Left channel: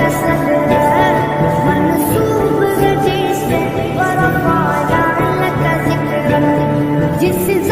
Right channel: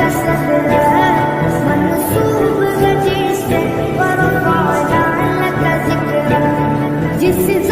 का सदर मनसूब गजे से वरफ़अना लक ज़िक्र जिस